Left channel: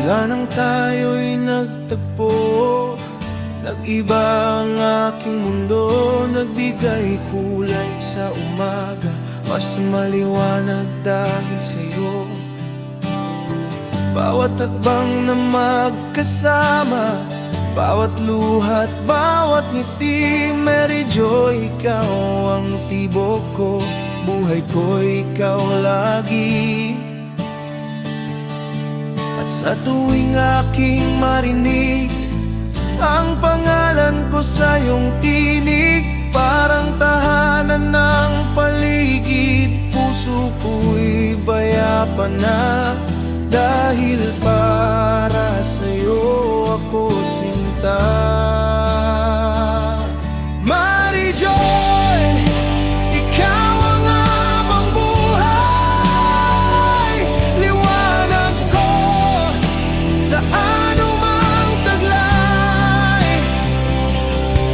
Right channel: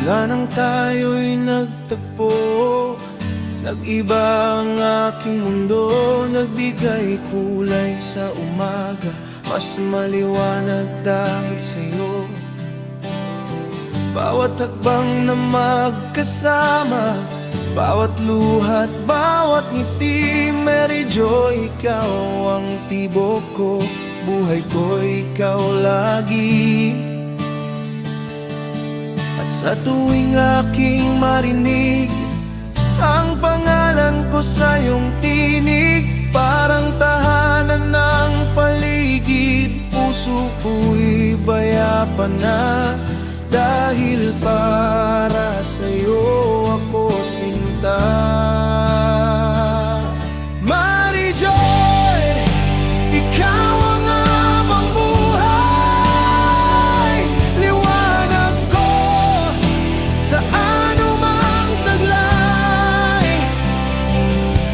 Mula nang tayo'y nagtagpo, nag-iba ang aking mundo. Nagbigay kulay sa umaga, mas maliwanag dahil sa'yo. Bawat hakbang na magkasama, bawat luhat, bawat ngiti, Mary Joy, ikaw ang tibok ko. Buhay ko, ikaw lagi. At sa tuwing aking marinig ang pangalan ko sa iyong tinig, parang tahanan ng paligid. Puso ko'y bayapa na, dahil para sa'yo ako sinta. Mary Joy, ikaw ang habang buhay, liwanag ko sa anumang taglay.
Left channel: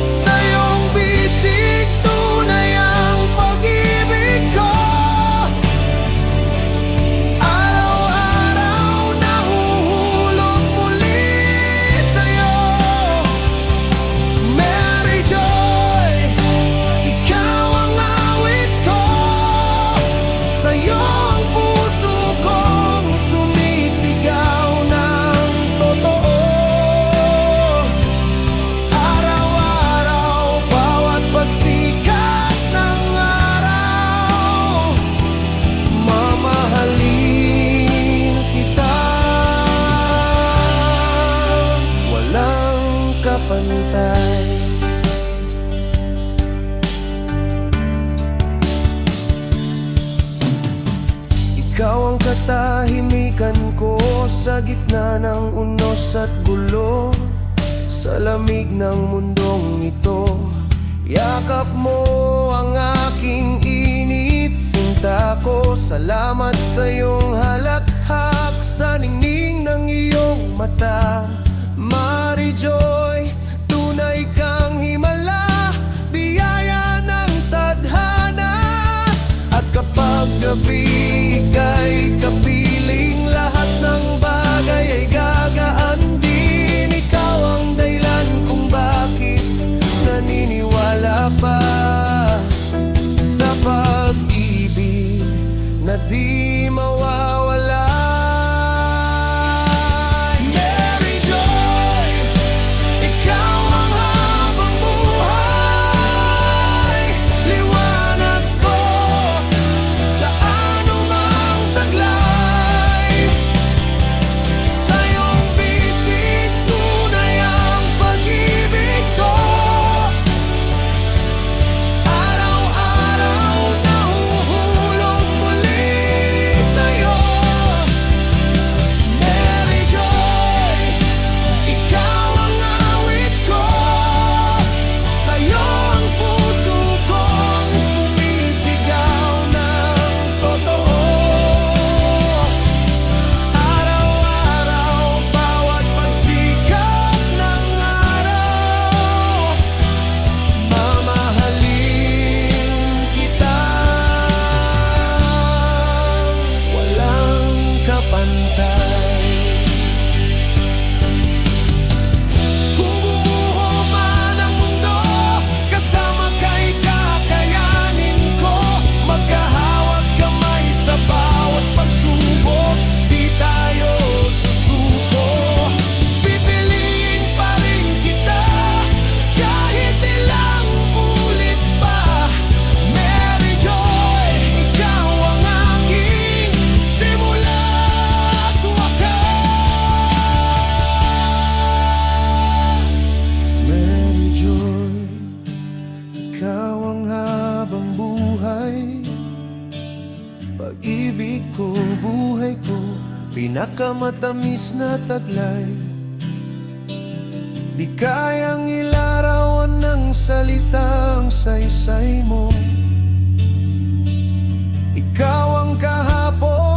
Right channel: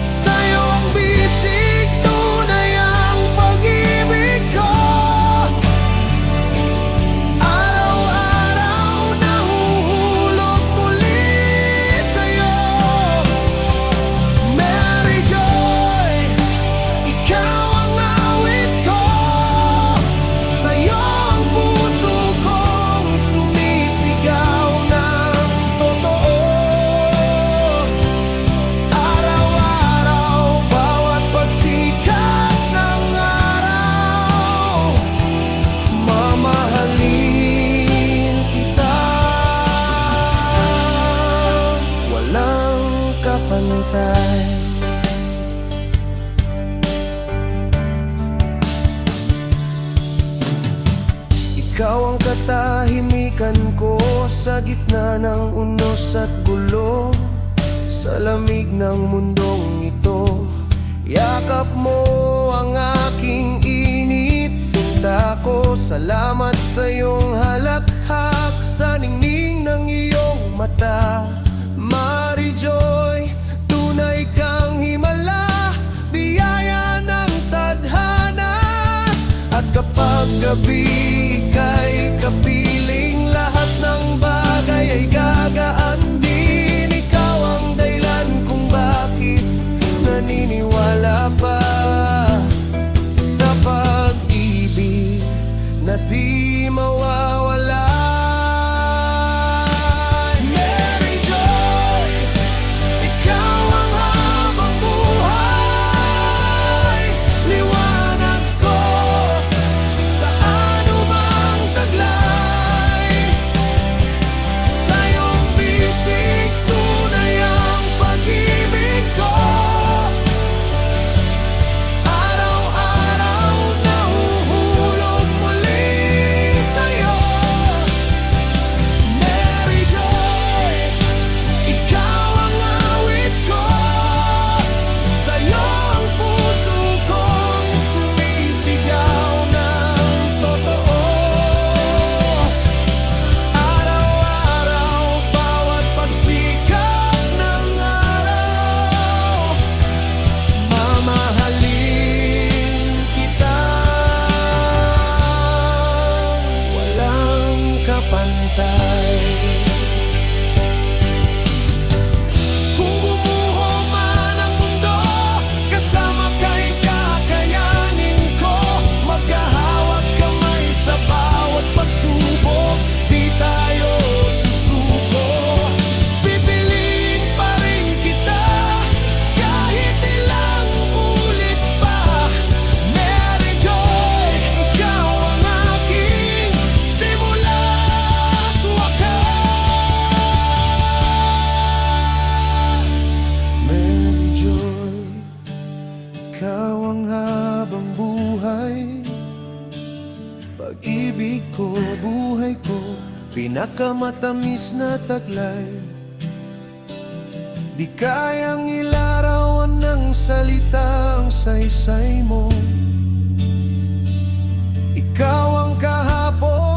Sa iyong bisig tunay ang pag-ibig ko. Araw-araw nahuhulog muli sa'yo. Mary Joy, ikaw ang awit ko. Sa'yo ang puso kong sumisigaw ng totoo. Araw-araw, bawat pagsikat ng araw, mamahalin kita. Walang kapantay. Ikaw ang katahimikan ko sa gitna ng unos at gulo. Sa lamig ng mundong ito, yakap mo ang aking init, sinta ko. Salamat sa iyong halakhak, sa ningning ng iyong mata. Mary Joy, tunay kang himala, biyaya ng tadhana. At kapag gabi ika'y kapiling, lahat ng bagay ay gagaan din. Ikaw ang dahilan kung bakit naniniwala pa sa pag-ibig na di mawawala. Mary Joy, ikaw ang habang buhay, liwanag ko sa anumang taglay. Sa iyong bisig tunay ang pag-ibig ko. Araw-araw nahuhulog muli sa'yo. Mary Joy, ikaw ang awit ko. Sa'yo ang puso kong sumisigaw ng totoo. Araw-araw, bawat pagsikat ng araw, mamahalin kita. Walang kapantay. Kung gumuho man ang mundo, kasama ka'y kakayanin ko. Magkahawag kamay sa bawat pagsubok, di tayo susuko. Pipiliin pa rin kita kahit ilang ulit pa. Mary Joy, ikaw ang aking simula at wakas. Mary Joy, ikaw ang habang buhay, pag-ibig ko, buhay ko, pinakamatamis na taglay. Di kayang ilarawan ng salita ang saysay mo. Ikaw ang kahapon